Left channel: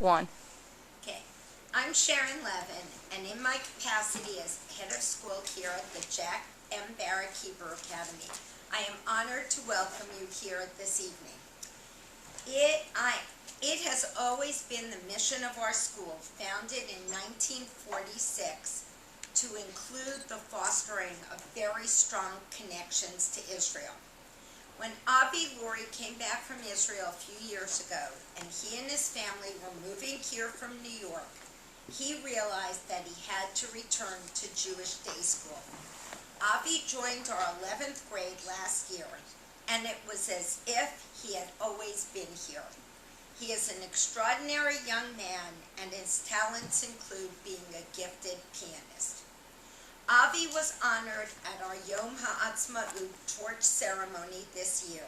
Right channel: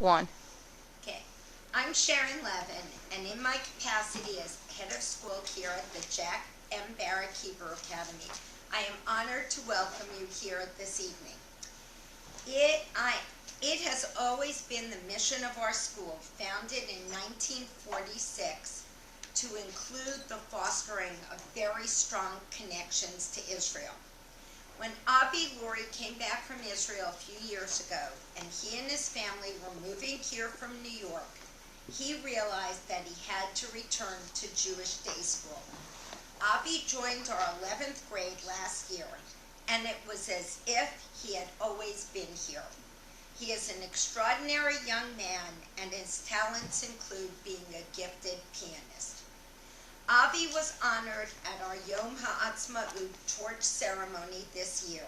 One. Okay. I'm Sharon Levin, and in my capacity as head of school here at the Jack M. Barrack Hebrew Academy, I am honored to welcome you here this evening. It has always been the mission of our school, founded in 1946, to include the fostering of very strong connections to Israel. When Avi Lurie came back from Israel a few years ago, and he and his family were moving here from New York, he realized that he had to return to Jewish day school. Avi joined our 11th grade last year, and it was as if he had always been here. He is an extraordinary young man, and his talents include being a gifted pianist. Avi was honored at our Yom HaAtzmaut torch ceremony this year,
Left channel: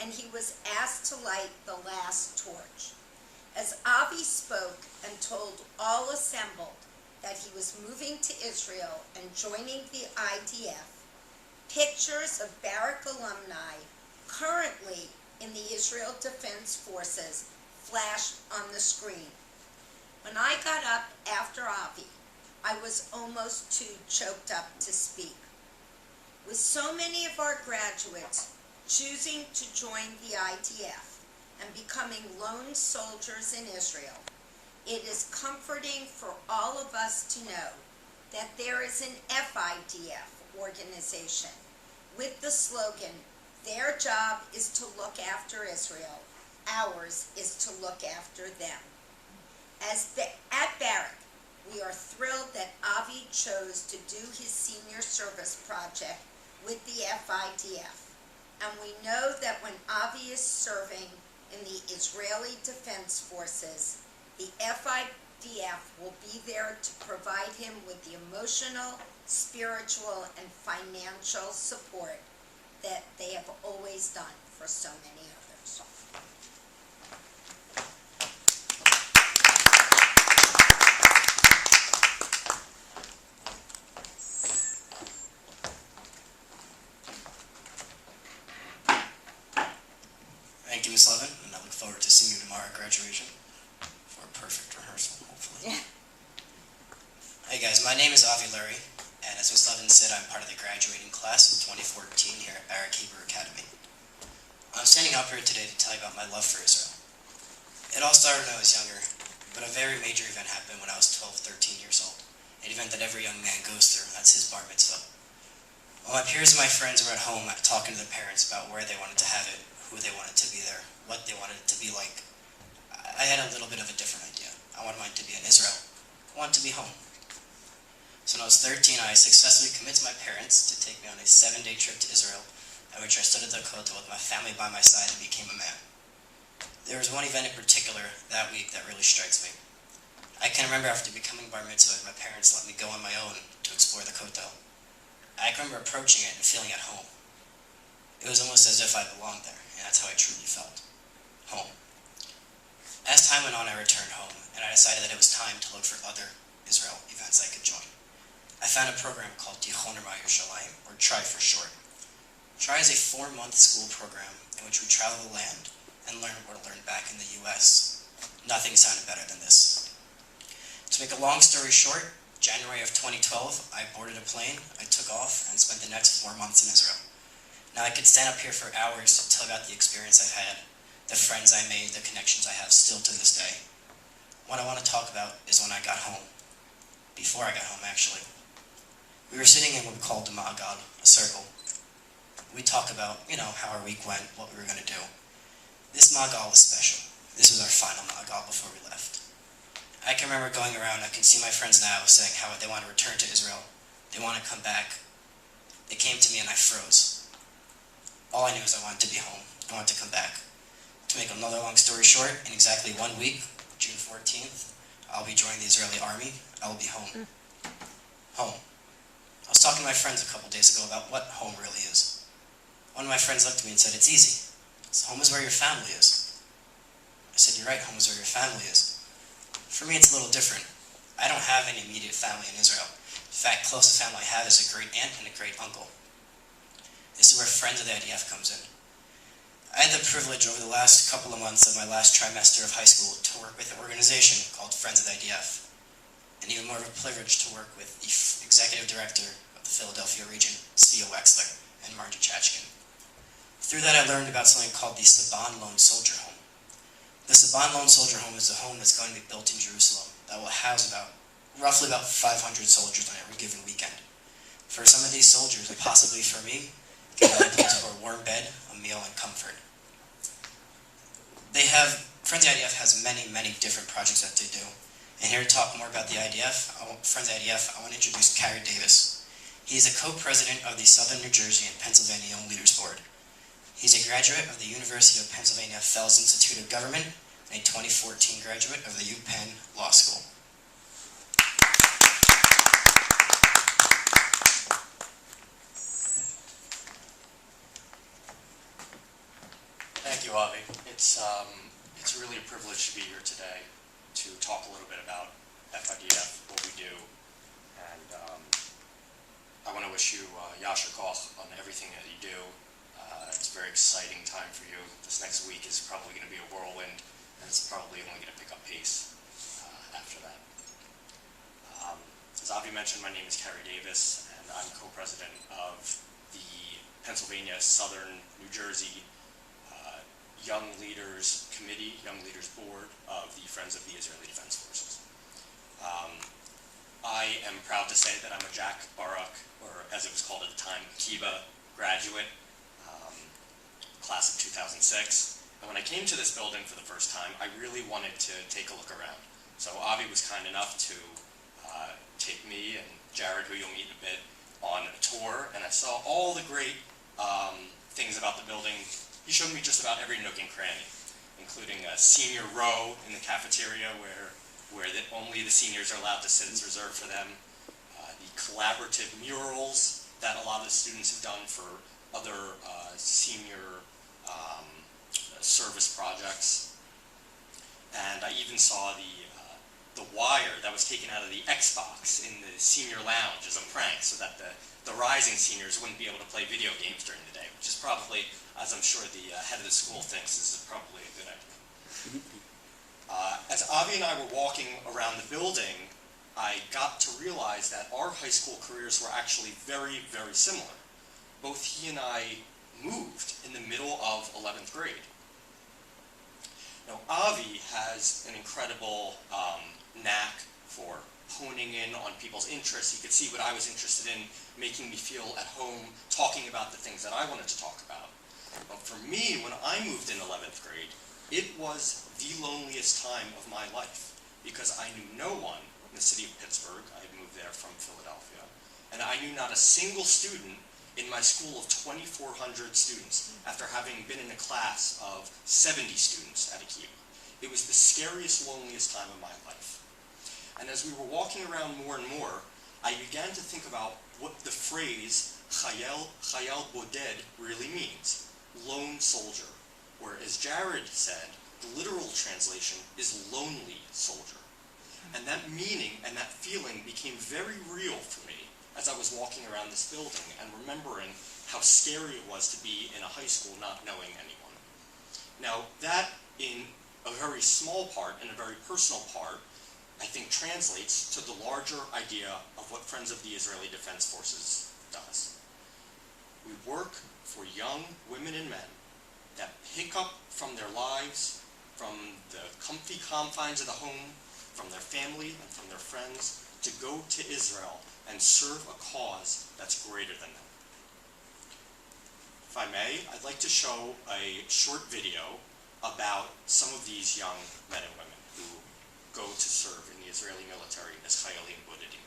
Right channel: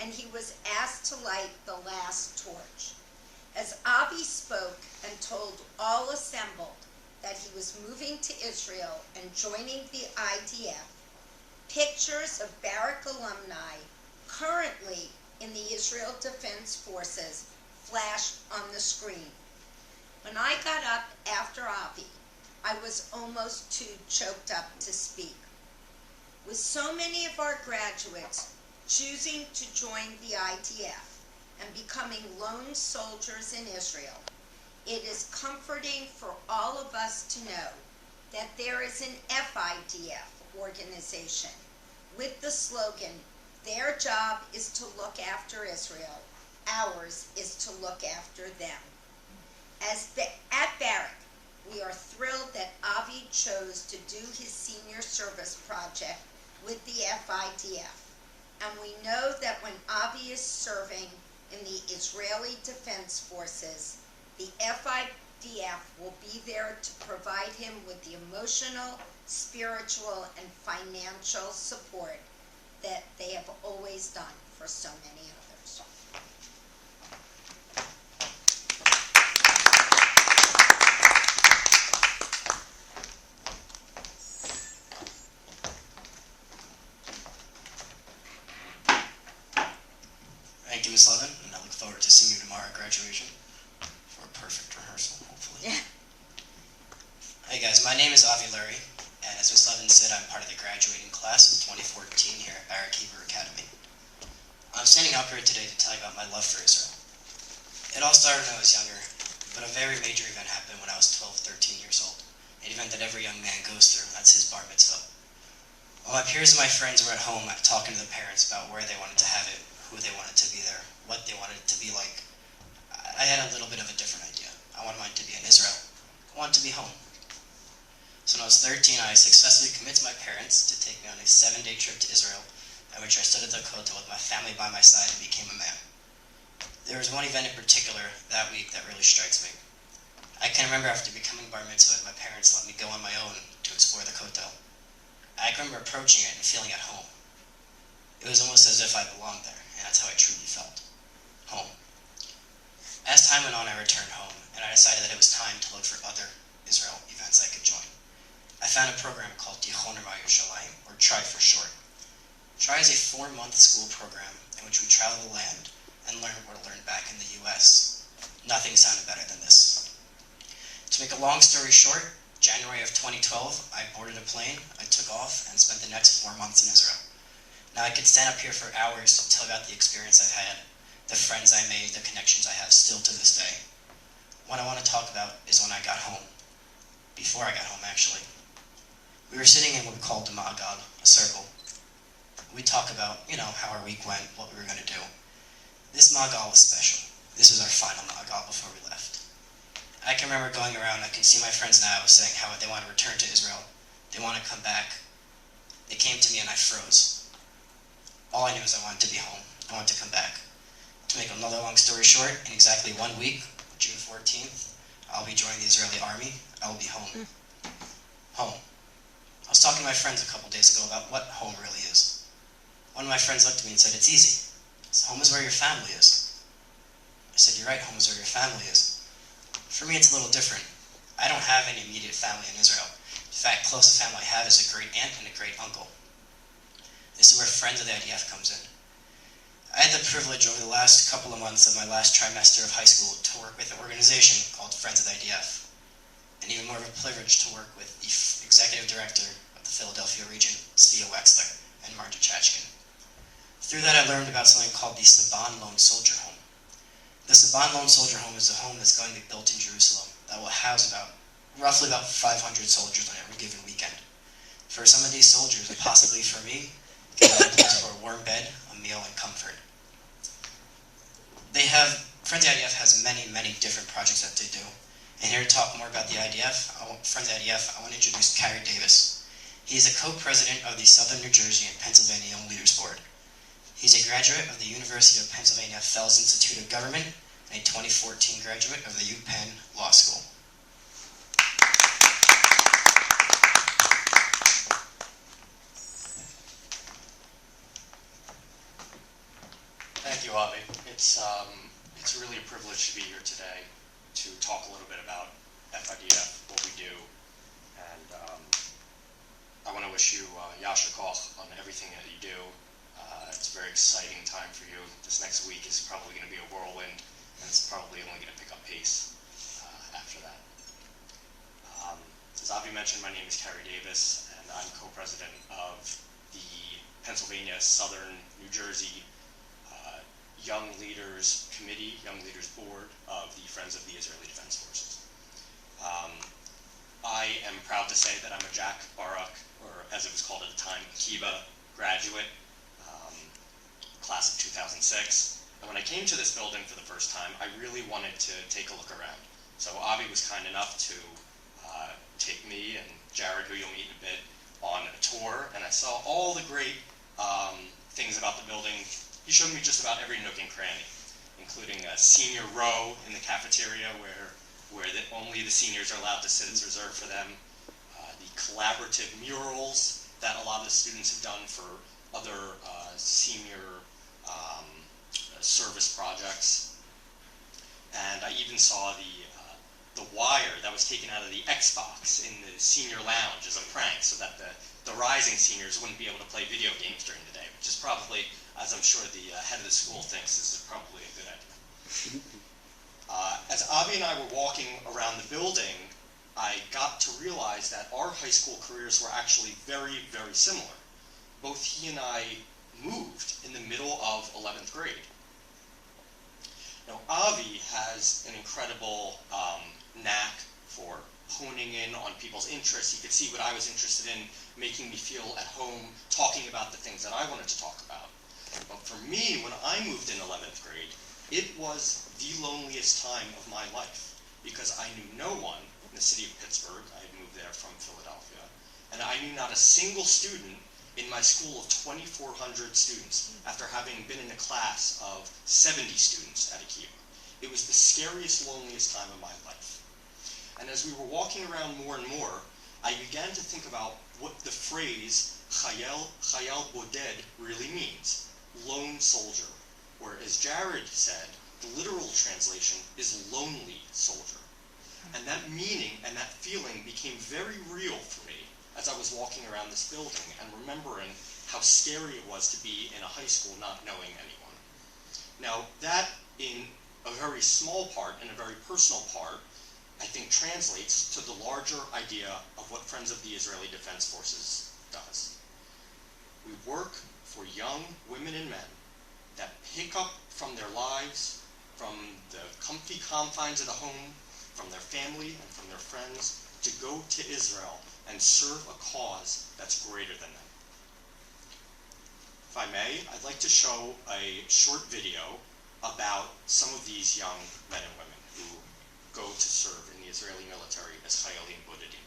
and he was asked to light the last torch. As Avi spoke and told all assembled that he was moving to Israel and joining the IDF, pictures of Barrack alumni currently in the Israel Defense Forces flashed on the screen. When I got up after Avi, I was almost too choked up to speak. With so many of our graduates choosing to join the IDF and becoming lone soldiers in Israel, it is comforting for all of us to know that there is an FIDF organization with the slogan, "Their job is to look after Israel, ours is to look after them." At Barrack, we are thrilled that Avi chose to do his senior service project with the FIDF. And we know that when Avi is serving in the Israeli Defense Forces, the FIDF will be there to provide him with the emotional, spiritual, and financial support that they have always done for so many others. Thank you, Ms. Levin, and I look forward to seeing you tomorrow at graduation for a perfect rehearsal, hopefully. Yeah. Hey guys, my name is Avi Lurie, and as Ms. Levin said, I'm part of the graduating class of 2014 here at Barrack Hebrew Academy. I'm standing up here today to tell you about my love for Israel. It all started when I was younger, but a very major event happened when I was 12, 13 years old. An event that every young man goes through, and that's his bar mitzvah. While my peers and my friends were at home talking to their parents about where they wanted to have it, who they wanted to be there, what they wanted it to be like, I had a little bit of a different idea. I wanted mine to be in Israel. I wanted to be home. So when I was 13, I successfully convinced my parents to take me on a 7-day trip to Israel, at which I stood at the Kotel with my family by my side and became a man. There was one event in particular that week that really strikes me. I can remember after becoming bar mitzvah, my parents let me go on my own to explore the Kotel. I can remember approaching it and feeling at home. It was almost as if I belonged there, and that's how I truly felt. Home. As time went on, I returned home, and I decided that it was time to look for other Israel events I could join. I found a program called Tichon Yerushalayim, or TRI for short. TRI is a 4-month school program in which we travel the land and learn what we learned back in the US. Nothing sounded better than this. To make a long story short, January of 2012, I boarded a plane, I took off, and spent the next 4 months in Israel. Now I could stand up here for hours to tell about the experience I had, the friends I made, the connections I have still to this day. What I want to talk about is when I got home. Before I got home, actually. We were sitting in what we called the Ma'agad, a circle. We talk about, how our week went, what we were going to do. This Ma'agad was special. This was our final Ma'agad before we left. I can remember going around, I can see my friends now saying how they want to return to Israel. They want to come back. They came to me and I froze. All I knew is I wanted to be home. I wanted to come back. To make another long story short, in exactly 1 week, June 14th, I'll be joining the Israeli army. I will be home. Home. I was talking to my friends a couple days ago about what home really is. One of my friends looked at me and said, "It's easy. Home is where your family is." I said, "You're right, home is where your family is." For me, it's a little different. I don't have any immediate family in Israel. In fact, closest family I have is a great aunt and a great uncle. This is where friends of the IDF comes in. I had the privilege over the last couple of months of my last trimester of high school to work with an organization called Friends of the IDF, and even more of a privilege to work with the executive director of the Philadelphia region, Sia Wexler, and Margie Chachkin. Through that, I learned about something called the Saban Lone Soldier Home. The Saban Lone Soldier Home is a home that's going to be built in Jerusalem that will house roughly about 500 soldiers on every given weekend. For some of these soldiers, and possibly for me, getting a place for a warm bed, a meal, and comfort. Friends of the IDF has many, many different projects that they do. And here to talk more about the Friends of the IDF, I want to introduce Carey Davis. He is a co-president of the Southern New Jersey and Pennsylvania Young Leaders Board. He's a graduate of the University of Pennsylvania Fells Institute of Government and a 2014 graduate of the UPenn Law School. Thank you, Avi. It's really a privilege to be here today to talk a little bit about FIDF, what we do, and I want to wish you Yasher Koch on everything that you do. It's a very exciting time for you. This next week is probably going to be a whirlwind, and it's probably only going to pick up pace after that. As Avi mentioned, my name is Carey Davis, and I'm co-president of the Pennsylvania Southern New Jersey Young Leaders Committee, Young Leaders Board of the Friends of the Israeli Defense Forces. I am proud to say that I'm a Jack Barrack, or as it was called at the time, Akiba graduate, class of 2006. And when I came to this building for the first time, I really wanted to take a look around. So Avi was kind enough to take me and Jared, who you'll meet in a bit, on a tour, and I saw all the great things about the building. He showed me just about every nook and cranny, including a senior row in the cafeteria where only the seniors are allowed to sit. It's reserved for them. The collaborative murals that a lot of the students have done for other senior service projects. And I even saw the wire that was taken out of the Xbox in the senior lounge as a prank so that the rising seniors wouldn't be able to play video games during the day, which is probably, as I'm sure the head of the school thinks, is probably a good idea. As Avi and I were walking around the building, I got to realize that our high school careers were actually very, very similar. Both he and I moved in the middle of 11th grade. Now, Avi has an incredible knack for honing in on people's interests. He could see what I was interested in, making me feel at home, talking about the things that I wanted to talk about. But for me, when I moved in 11th grade, it was the loneliest time of my life because I knew no one in the city of Pittsburgh. I had moved there from Philadelphia. And I knew not a single student in my school of 2,400 students after having been in a class of 70 students at Akiba. It was the scariest, loneliest time of my life. And as we were walking around more and more, I began to think about what the phrase Chayal Boded really means, lone soldier, where, as Jared said, the literal translation is lonely soldier. And that meaning and that feeling became very real for me as I was walking around this building and remembering how scary it was to be in a high school not knowing anyone. Now, that in a very small part, in a very personal part, I think translates to the larger idea of what Friends of the Israeli Defense Forces does. We work for young women and men that pick up from their lives, from the comfy confines of the home, from their family and from their friends, to go to Israel and serve a cause that's greater than them. If I may, I'd like to show a short video about some of these young men and women who go to serve in the Israeli military as Chayalim Bodedim.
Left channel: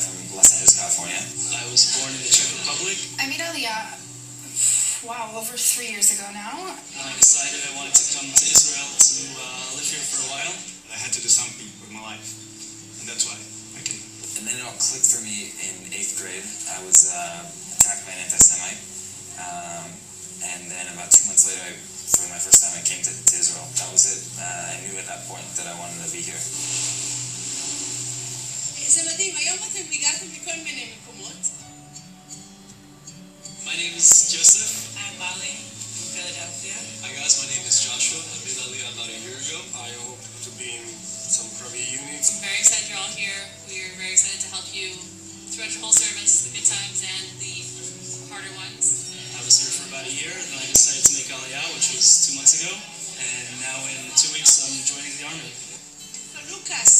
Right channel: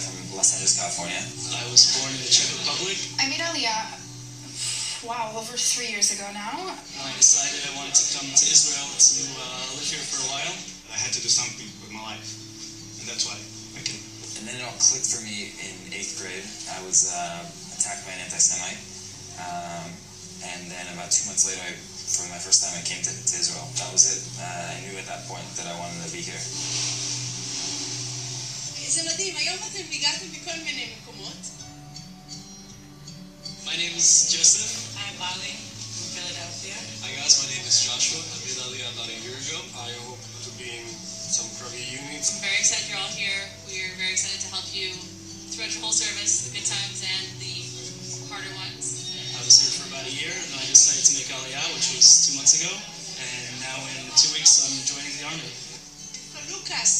From Los Angeles, California. I was born in the Czech Republic. I'm Italia. Wow, over 3 years ago now. I decided I wanted to come to Israel to live here for a while. I had to do something with my life, and that's why I came. And then it all clicked for me in 8th grade. I was attacked by an anti-Semite, and then about 2 months later, for my first time, I came to Israel. That was it. I knew at that point that I wanted to be here. זה מדהים, היום אתם הגעתם מכל מיני מקומות. My name is Joseph. I'm Molly from Philadelphia. Hi guys, my name is Joshua. I made Aliyah about a year ago. I hope to be in some Krabi units. I'm very excited you're all here. We are very excited to help you throughout your whole service, the good times and the harder ones. I was here for about a year, and then I decided to make Aliyah, which was 2 months ago. And now in 2 weeks, I'm joining the army. Lucas.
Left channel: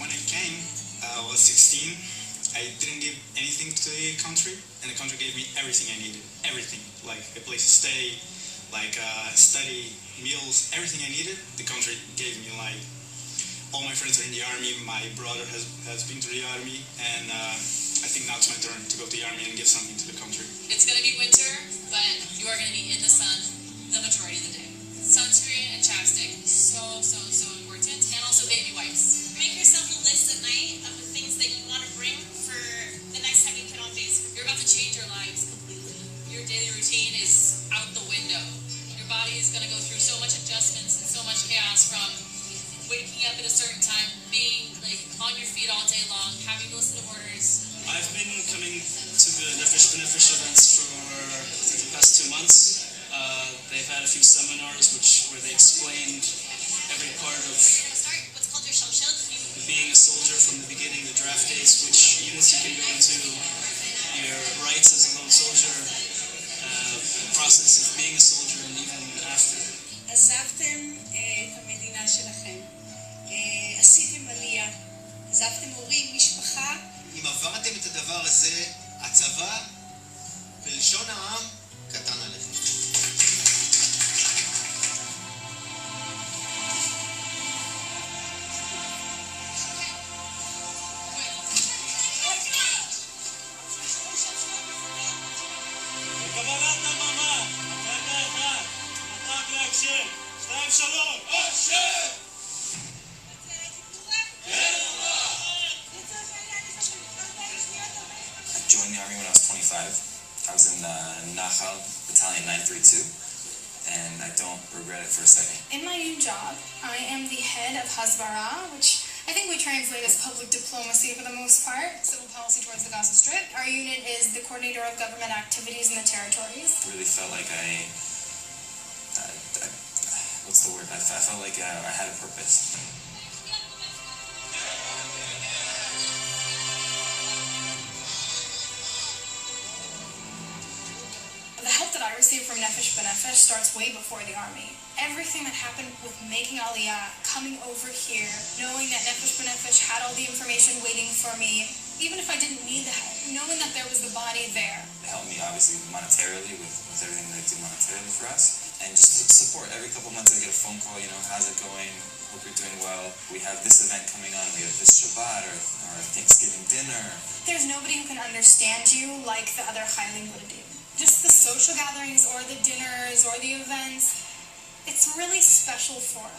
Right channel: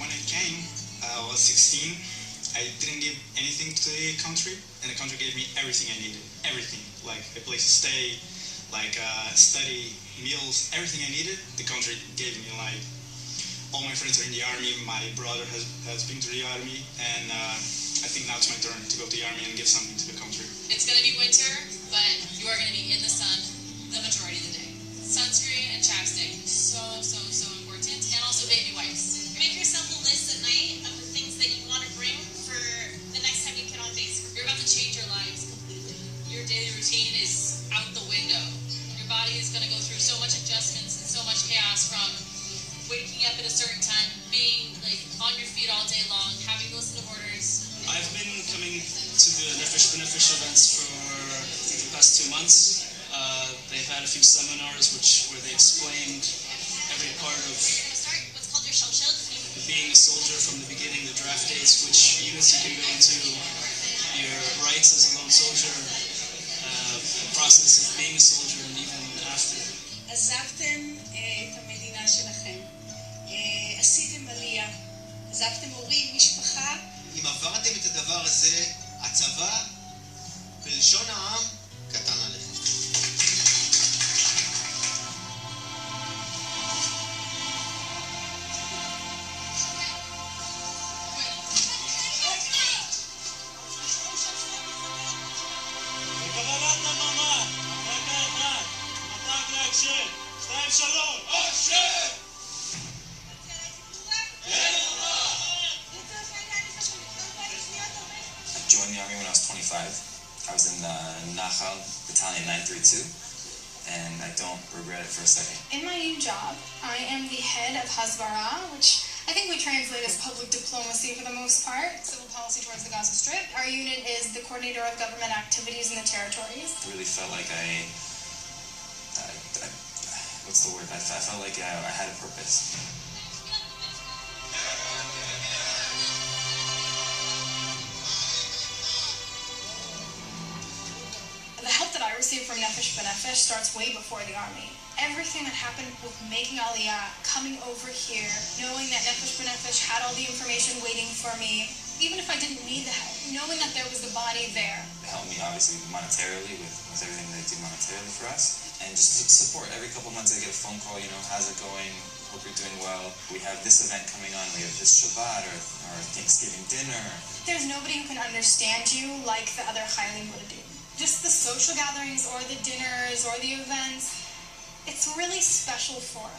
When I came, I was 16. I didn't give anything to the country, and the country gave me everything I needed. Everything. Like a place to stay, like study, meals, everything I needed, the country gave me. Like, all my friends are in the army, my brother has been to the army, and I think now it's my turn to go to the army and give something to the country. It's going to be winter, but you are going to be in the sun the majority of the day. Sunscreen and chapstick, so important, and also baby wipes. Make yourself a list at night of the things that you want to bring for the next time you get on base. You're about to change your lives completely. Your daily routine is out the window. Your body is going to go through so much adjustments and so much chaos, from waking up at a certain time, being like on your feet all day long, having to listen to orders. I've been coming to the Nefesh B'Nefesh events for the past 2 months. They've had a few seminars where they explained every part of You're going to start what's called your shalshel. being a soldier from the beginning, the draft dates, which units you can go into, your rights as a lone soldier, the process of being a soldier, and even after. עזבתם את המדינה שלכם, עשיתם עלייה, עזבתם הורים, משפחה. אם עברתם את הדבר הזה, הצבא, בלשון העם, קטן עליכם. I joined the army when I was 25. I was in Nachal Battalion 932, and I don't regret it for a second. In my new job, I am the head of Hasbara, which I think we translate as public diplomacy for the most part, civil policy towards the Gaza Strip. Our unit is the coordinator of government activities in the territories. I really felt like what's the word? I felt like I had a purpose. The help that I received from Nefesh B'Nefesh starts way before the army. Everything that happened with making Aliyah, coming over here, knowing that Nefesh B'Nefesh had all the information waiting for me, even if I didn't need the help, knowing that there was the body there. They helped me obviously monetarily with everything they do monetarily for us, and just support. Every couple months I get a phone call, how's it going? Hope you're doing well. We have this event coming on. We have this Shabbat or Thanksgiving dinner. There's nobody who can understand you like the other Chaylim would do. Just the social gatherings or the dinners or the events, it's a really special forum.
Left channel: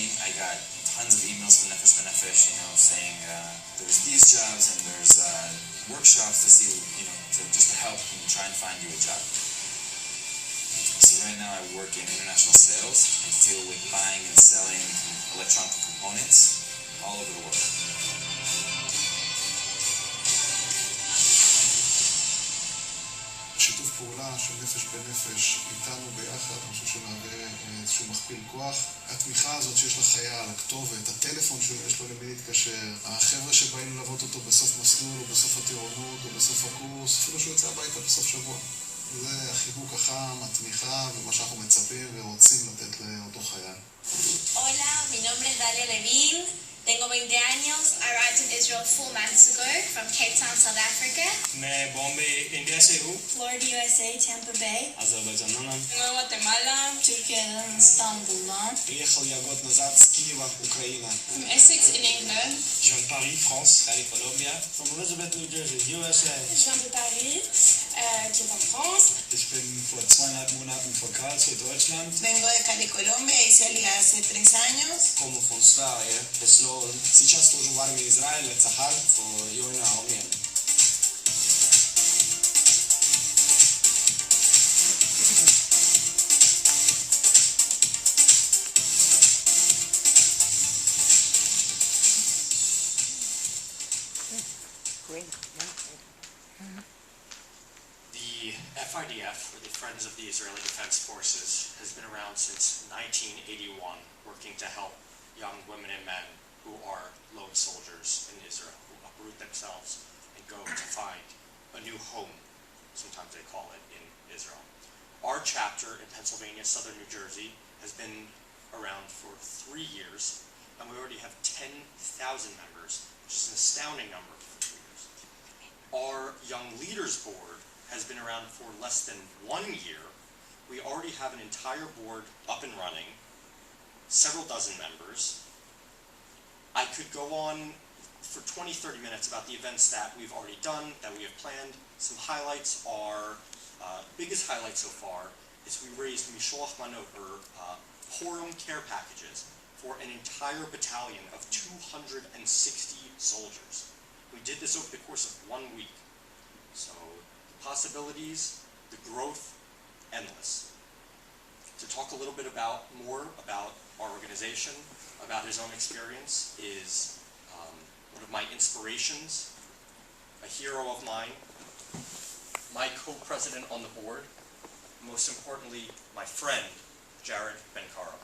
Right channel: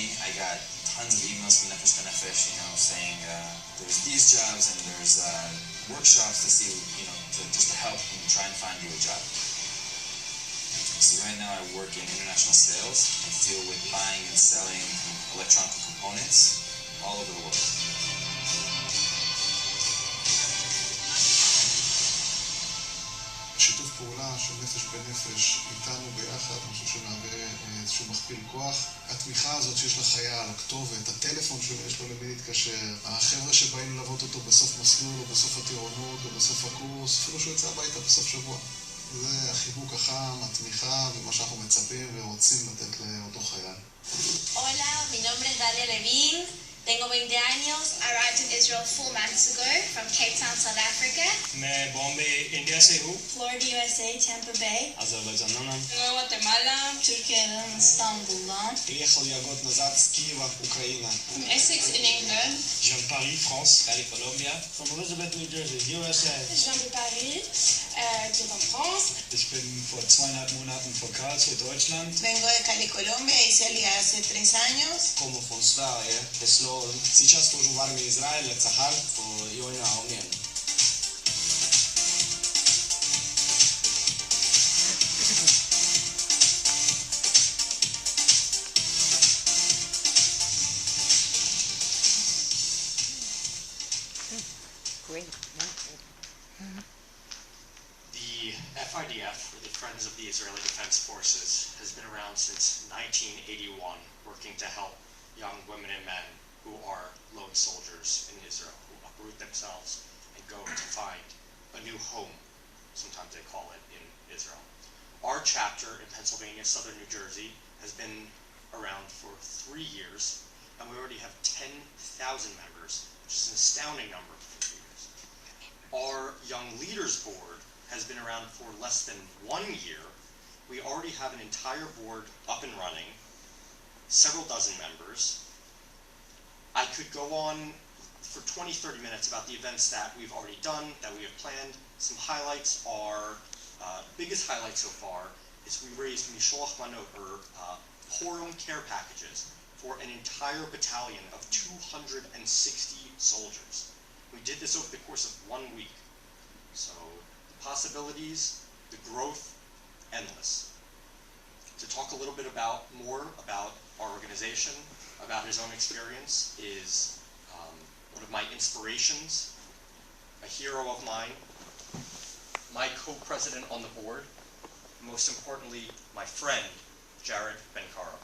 I got tons of emails from Nefesh B'Nefesh, saying there's these jobs and there's workshops to see, just to help and try and find you a job. So right now I work in international sales. I deal with buying and selling electronic components all over the world. שיתוף פעולה של נפש בנפש איתנו ביחד, אני חושב שמהווה איזשהו מכפיל כוח. התמיכה הזאת שיש לחייל, הכתובת, הטלפון שיש לו למי להתקשר, החבר'ה שבאים ללוות אותו בסוף מסלול או בסוף הטירונות או בסוף הקורס, אפילו שהוא יוצא הביתה בסוף שבוע. זה החיבוק החם, התמיכה ומה שאנחנו מצפים ורוצים לתת לאותו חייל. Hola, mi nombre es Dalia Levine. Tengo 20 años. I arrived in Israel 4 months ago from Cape Town, South Africa. मैं Bombay India से हूँ. Florida, USA, Tampa Bay. אזרבייג'ן. Guatemala. Turkey, Istanbul. приехал я год назад с Киева, Украина. From Essex in England. Je viens de Paris, France. Cali, Colombia. From Elizabeth, New Jersey, USA. Je viens de Paris, qui est en France. Ich bin vor 2,5 Monaten von Karlsruhe, Deutschland. Vengo de Cali, Colombia. Hice Liga hace 3 años. Como von Sverige, Sloan. Сейчас служу в армии Израиля, Цахаль, в Йойна, Армения. The FIDF, or the Friends of the Israeli Defense Forces, has been around since 1981, working to help young women and men who are lone soldiers in Israel, who uproot themselves and go to find a new home, sometimes they call it, in Israel. Our chapter in Pennsylvania, Southern New Jersey, has been around for 3 years, and we already have 10,000 members, which is an astounding number for 3 years. Our Young Leaders Board has been around for less than 1 year. We already have an entire board up and running, several dozen members. I could go on for 20-30 minutes about the events that we've already done, that we have planned. Some highlights are, biggest highlight so far is we raised Misholach Manot, or Purim care packages, for an entire battalion of 260 soldiers. We did this over the course of 1 week. So the possibilities, the growth, endless. To talk a little bit more about our organization, about his own experience, is one of my inspirations, a hero of mine, my co-president on the board, most importantly, my friend, Jared Ben-Karo.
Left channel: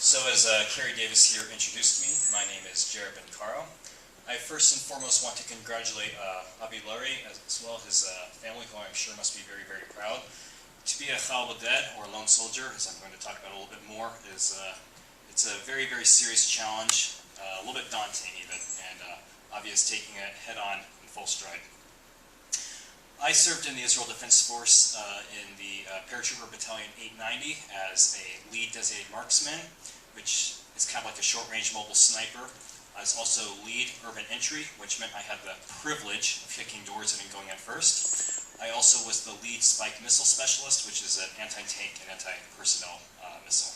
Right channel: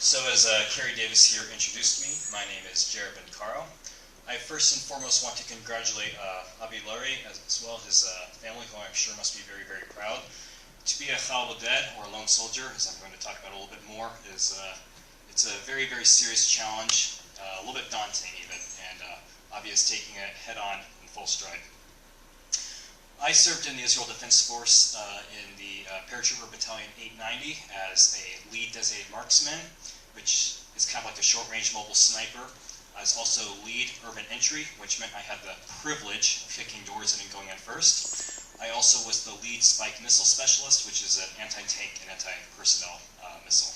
So as Carrie Davis here introduced me, my name is Jared Ben-Karo. I first and foremost want to congratulate Avi Lurie, as well as his family, who I'm sure must be very, very proud. To be a Chal Boded, or a lone soldier, as I'm going to talk about a little bit more, is it's a very, very serious challenge, a little bit daunting even, and Avi is taking it head on in full stride. I served in the Israel Defense Force in the Paratrooper Battalion 890 as a lead designated marksman, which is kind of like a short-range mobile sniper. I was also lead urban entry, which meant I had the privilege of kicking doors in and going in first. I also was the lead spike missile specialist, which is an anti-tank and anti-personnel missile.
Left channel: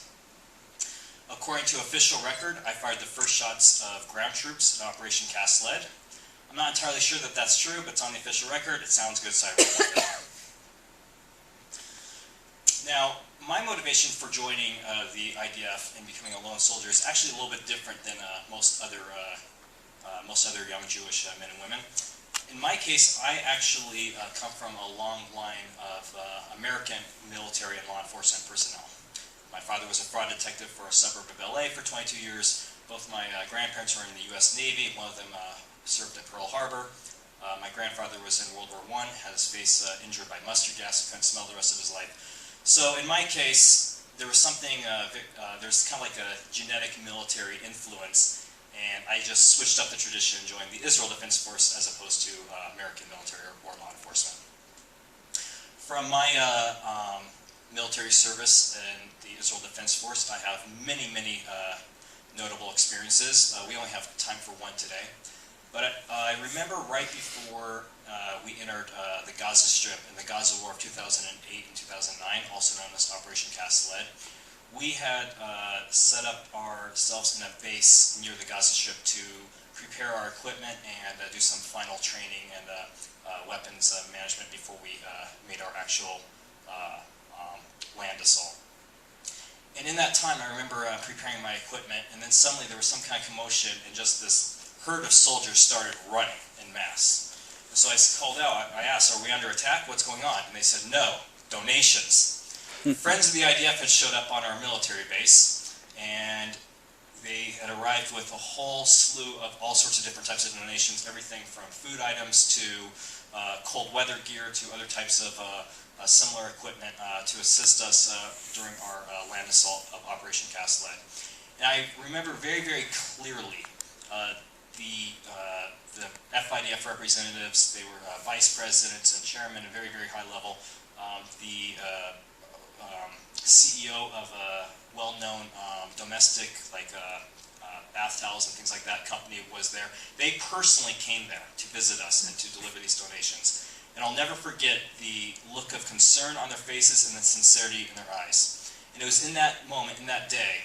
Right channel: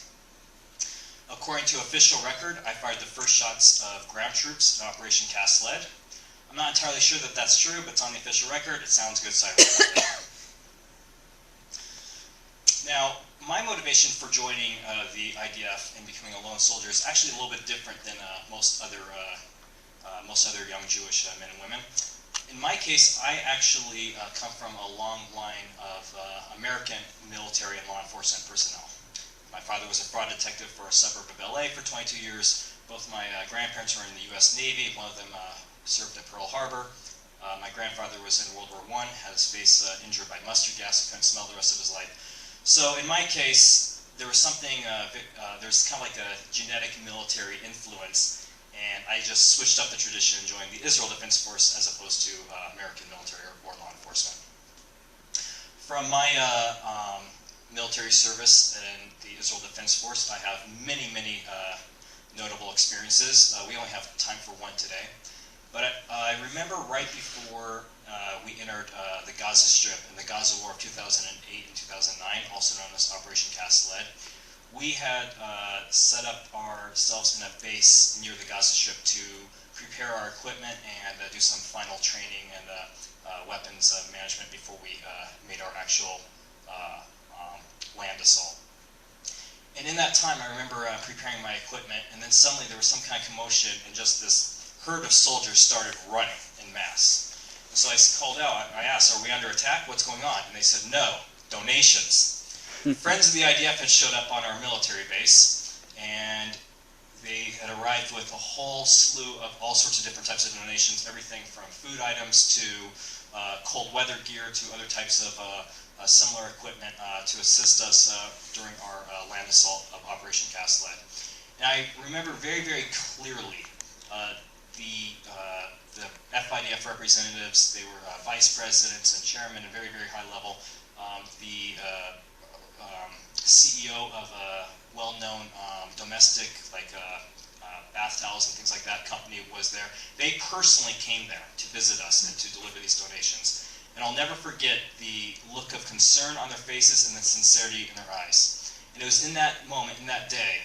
According to official record, I fired the first shots of ground troops in Operation Cast Lead. I'm not entirely sure that that's true, but it's on the official record. It sounds good, so I wrote it. Now, my motivation for joining the IDF and becoming a lone soldier is actually a little bit different than most other young Jewish men and women. In my case, I actually come from a long line of American military and law enforcement personnel. My father was a fraud detective for a suburb of LA for 22 years. Both my grandparents were in the US Navy. One of them served at Pearl Harbor. My grandfather was in World War I, had his face injured by mustard gas, couldn't smell the rest of his life. So in my case, there was something, there's kind of like a genetic military influence, and I just switched up the tradition and joined the Israel Defense Force as opposed to American military or law enforcement. From my military service in the Israel Defense Force, I have many, many notable experiences. We only have time for one today. But I remember right before we entered the Gaza Strip in the Gaza War of 2008 and 2009, also known as Operation Cast Lead, we had set up ourselves in a base near the Gaza Strip to prepare our equipment and do some final training and weapons management before we made our actual land assault. And in that time, I remember preparing my equipment, and then suddenly there was some kind of commotion, and just this herd of soldiers started running en masse. And so I called out, I asked, are we under attack? What's going on? And they said, no, donations. Friends of the IDF had showed up on our military base, and they had arrived with a whole slew of all sorts of different types of donations, everything from food items to cold weather gear to other types of similar equipment to assist us during our land assault of Operation Cast Lead. And I remember very, very clearly the FIDF representatives. They were vice presidents and chairmen at very, very high level. The CEO of a well-known domestic, bath towels and things like that company was there. They personally came there to visit us and to deliver these donations. And I'll never forget the look of concern on their faces and the sincerity in their eyes. And it was in that moment, in that day,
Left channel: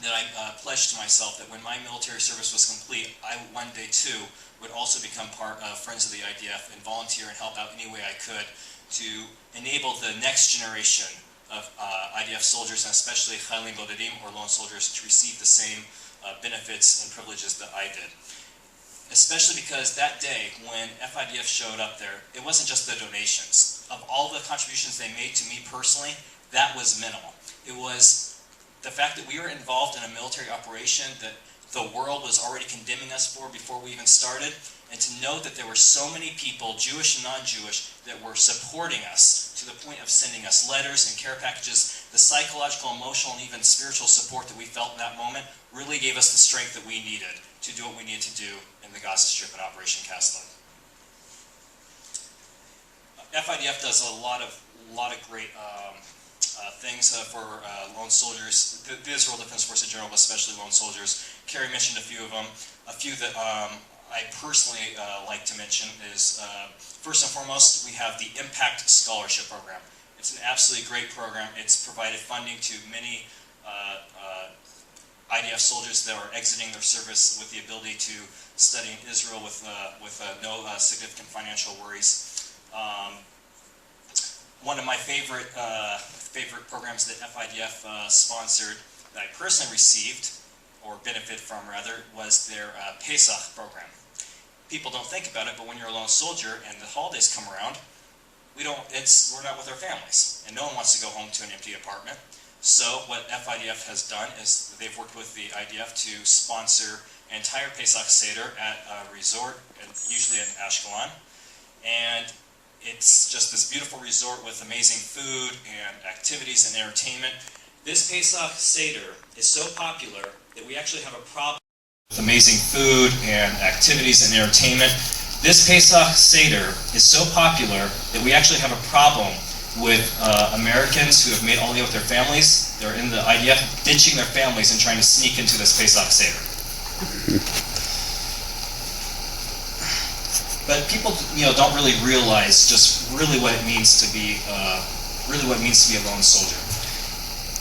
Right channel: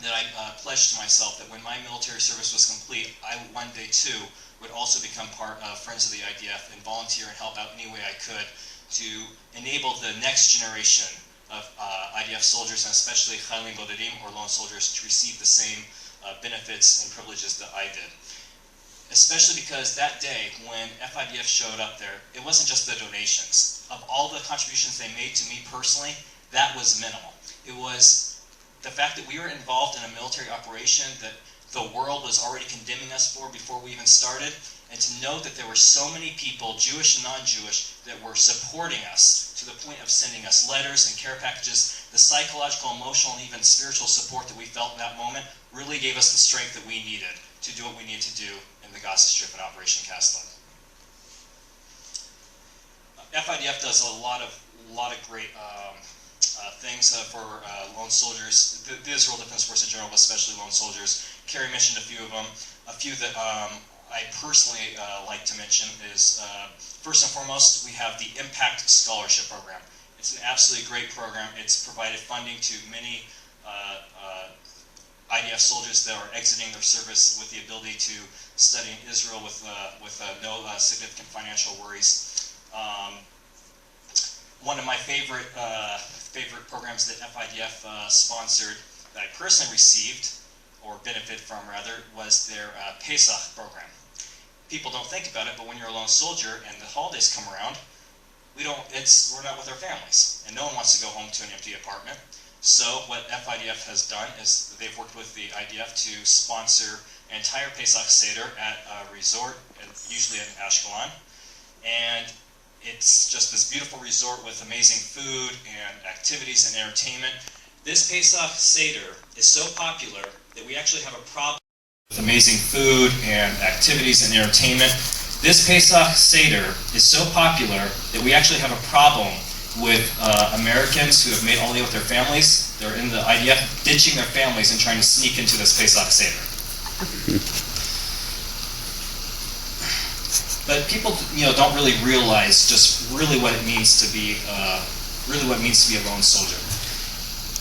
that I pledged to myself that when my military service was complete, I one day too would also become part of Friends of the IDF and volunteer and help out any way I could to enable the next generation of IDF soldiers, and especially Chayalim Bodedim, or lone soldiers, to receive the same benefits and privileges that I did. Especially because that day, when FIDF showed up there, it wasn't just the donations. Of all the contributions they made to me personally, that was minimal. It was the fact that we were involved in a military operation that the world was already condemning us for before we even started, and to know that there were so many people, Jewish and non-Jewish, that were supporting us to the point of sending us letters and care packages. The psychological, emotional, and even spiritual support that we felt in that moment really gave us the strength that we needed to do what we needed to do in the Gaza Strip and Operation Cast Lead. FIDF does a lot of great things for lone soldiers. The Israel Defense Force in general, but especially lone soldiers. Carrie mentioned a few of them. A few that I personally like to mention is, first and foremost, we have the Impact Scholarship Program. It's an absolutely great program. It's provided funding to many IDF soldiers that are exiting their service with the ability to study in Israel with no significant financial worries. One of my favorite programs that FIDF sponsored that I personally received, or benefited from rather, was their Pesach program. People don't think about it, but when you're a lone soldier and the holidays come around, we're not with our families, and no one wants to go home to an empty apartment. So what FIDF has done is they've worked with the IDF to sponsor an entire Pesach Seder at a resort, usually in Ashkelon, and it's just this beautiful resort with amazing food and activities and entertainment. This Pesach Seder is so popular that we actually have a problem with amazing food and activities and entertainment. This Pesach Seder is so popular that we actually have a problem with Americans who have made Aliyah with their families. They're in the IDF, ditching their families and trying to sneak into this Pesach Seder. But people, don't really realize just really what it means to be, a lone soldier.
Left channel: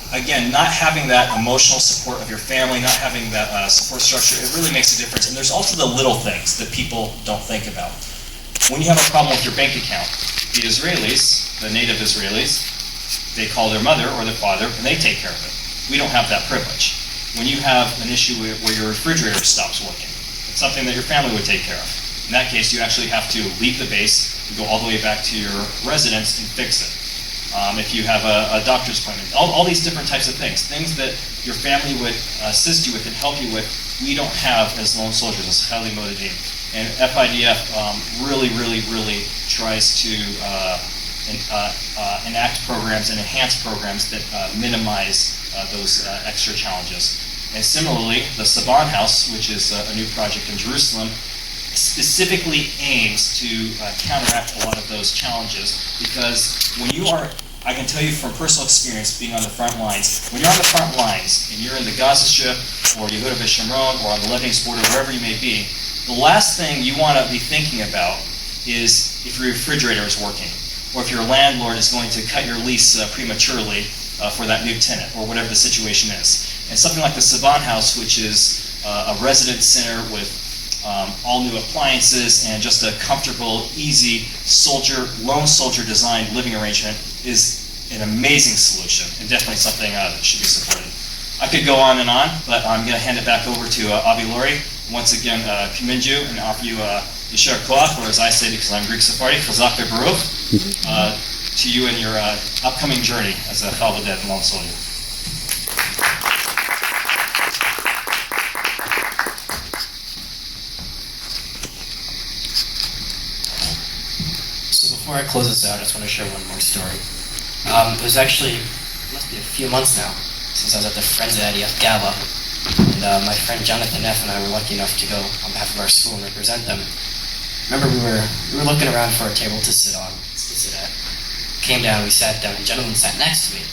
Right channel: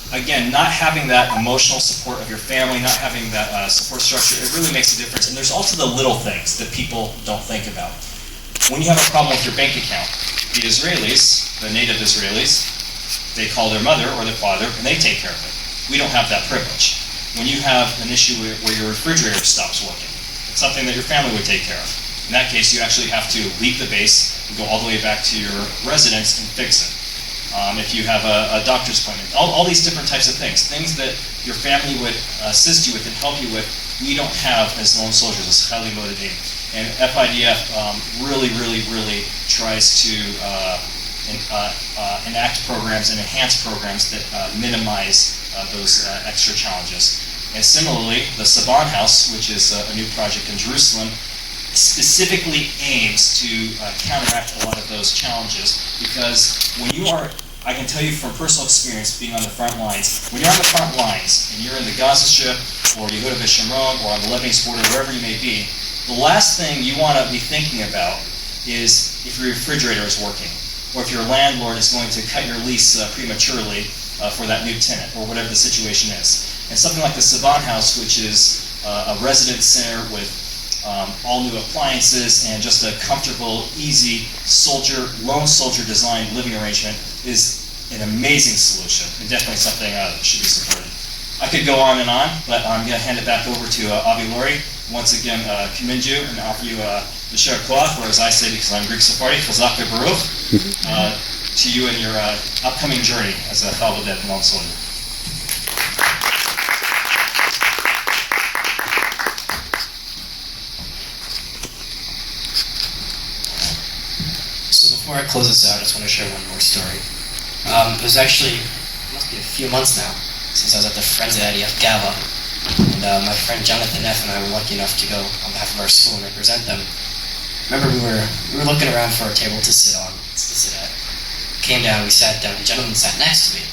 Again, not having that emotional support of your family, not having that support structure, it really makes a difference. And there's also the little things that people don't think about. When you have a problem with your bank account, the Israelis, the native Israelis, they call their mother or their father and they take care of it. We don't have that privilege. When you have an issue where your refrigerator stops working, it's something that your family would take care of. In that case, you actually have to leave the base and go all the way back to your residence and fix it. If you have a doctor's appointment, all these different types of things that your family would assist you with and help you with, we don't have as lone soldiers, as Chayalim Bodedim. And FIDF really tries to enact programs and enhance programs that minimize those extra challenges. And similarly, the Saban House, which is a new project in Jerusalem, specifically aims to counteract a lot of those challenges, because when you are, I can tell you from personal experience being on the front lines, when you're on the front lines and you're in the Gaza Strip or you go to Bishimron or on the Lebanese border, wherever you may be, the last thing you want to be thinking about is if your refrigerator is working, or if your landlord is going to cut your lease prematurely for that new tenant, or whatever the situation is. And something like the Saban House, which is a residence center with all new appliances and just a comfortable, easy lone soldier designed living arrangement, is an amazing solution and definitely something that should be supported. I could go on, but I'm going to hand it back over to Avi Lurie. Once again, commend you and offer you Yasher Koach, or as I say because I'm Greek Sephardi, Chazak Baruch, to you in your upcoming journey as a fellow dead lone soldier. So before I close this out, I just want to share one more story. It was actually, it must be a few months now, since I was at the Friends of IDF Gala, and my friend Jonathan F. and I were lucky enough to go on behalf of our school and represent them. Remember, we were looking around for a table to sit at. Came down, we sat down, a gentleman sat next to me,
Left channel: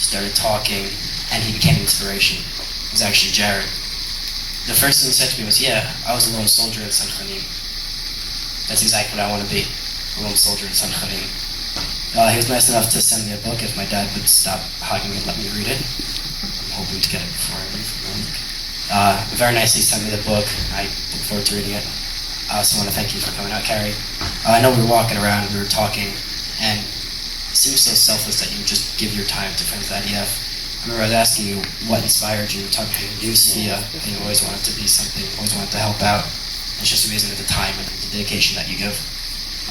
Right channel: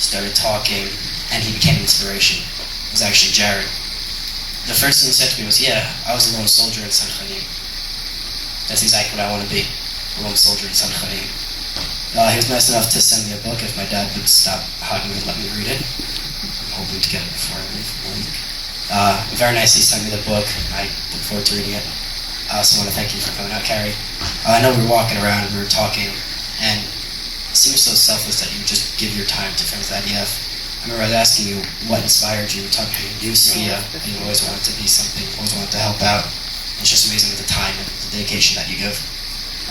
started talking, and he became an inspiration. It was actually Jared. The first thing he said to me was, "Yeah, I was a lone soldier in San Khanim. That's exactly what I want to be, a lone soldier in San Khanim." He was nice enough to send me a book if my dad would stop hugging me and let me read it. I'm hoping to get it before I leave for the week. Very nicely sent me the book. I look forward to reading it. I also want to thank you for coming out, Carrie. I know we were walking around, we were talking, and it seems so selfless that you would just give your time to Friends of IDF. I remember I was asking you what inspired you, talking how you knew Sophia, and you always wanted to be something, always wanted to help out. And it's just amazing with the time and the dedication that you give.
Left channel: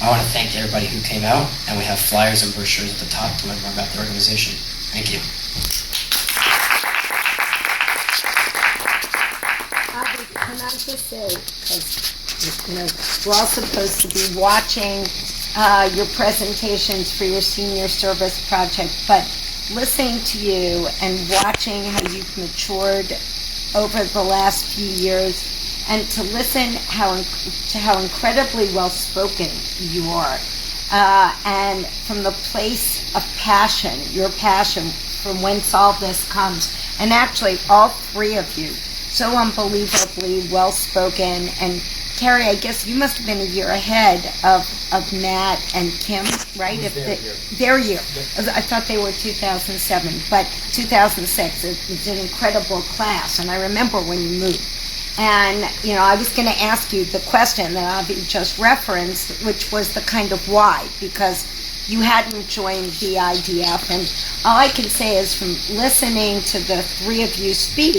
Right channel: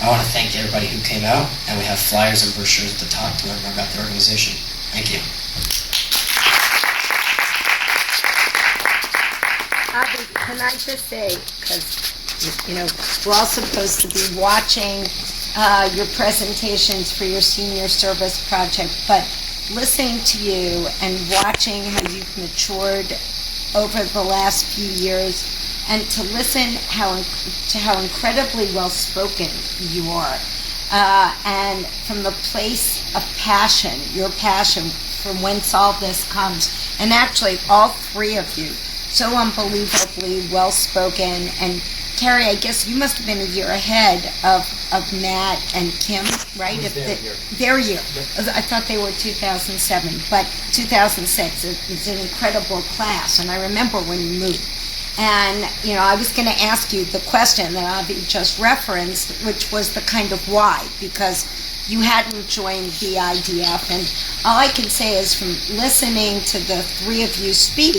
I want to thank everybody who came out, and we have flyers and brochures at the top to learn more about the organization. Thank you. Avi, can I just say, because, we're all supposed to be watching your presentations for your senior service project, but listening to you and watching how you've matured over the last few years, and to listen to how incredibly well-spoken you are, and from the place of passion, your passion from whence all this comes, and actually all three of you, so unbelievably well-spoken. And Carrie, I guess you must have been a year ahead of Matt and Kim, right? Their year. I thought they were 2007, but 2006 is an incredible class, and I remember when you moved. And, I was going to ask you the question that Avi just referenced, which was the kind of why, because you hadn't joined the IDF. And all I can say is from listening to the three of you speak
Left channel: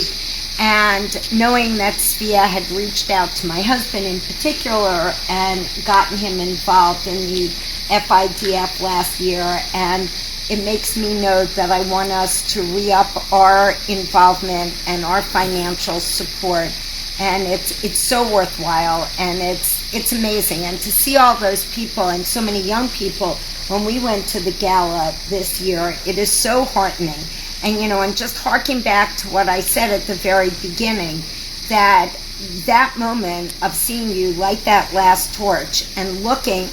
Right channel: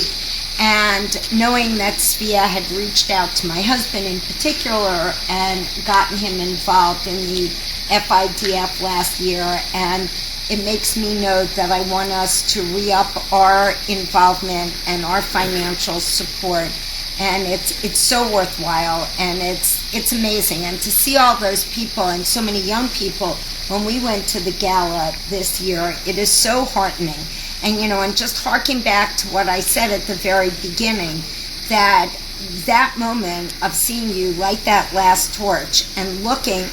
and knowing that Svea had reached out to my husband in particular and gotten him involved in the FIDF last year, and it makes me know that I want us to re-up our involvement and our financial support. And it's so worthwhile, and it's amazing. And to see all those people and so many young people when we went to the gala this year, it is so heartening. And and just harking back to what I said at the very beginning, that moment of seeing you light that last torch and looking,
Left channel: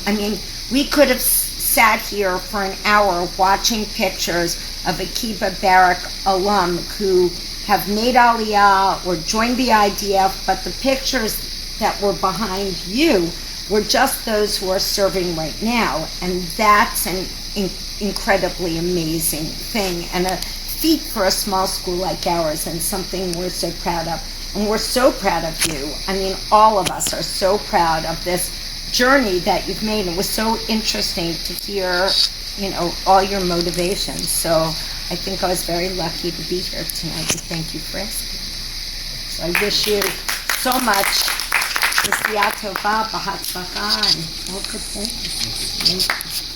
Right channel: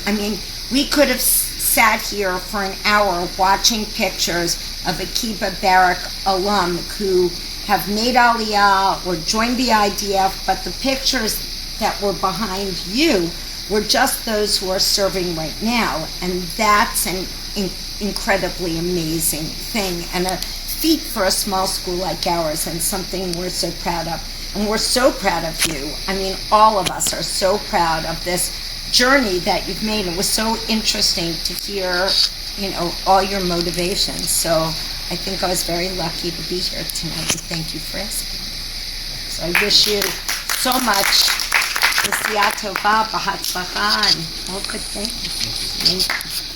we could have sat here for an hour watching pictures of a Kibbutz Barrack alum who have made Aliyah or joined the IDF, but the pictures that were behind you were just those who are serving right now. And that's an incredibly amazing thing, and a feat for a small school like ours, and something we're so proud of. And we're so proud of you. All of us are so proud of this journey that you've made. It was so interesting to hear, all your motivations. So I think I was very lucky to be here tonight, and thank you for asking. So I wish you so much. Nesiya tova, b'hatzlacha, and all good things. Thank you.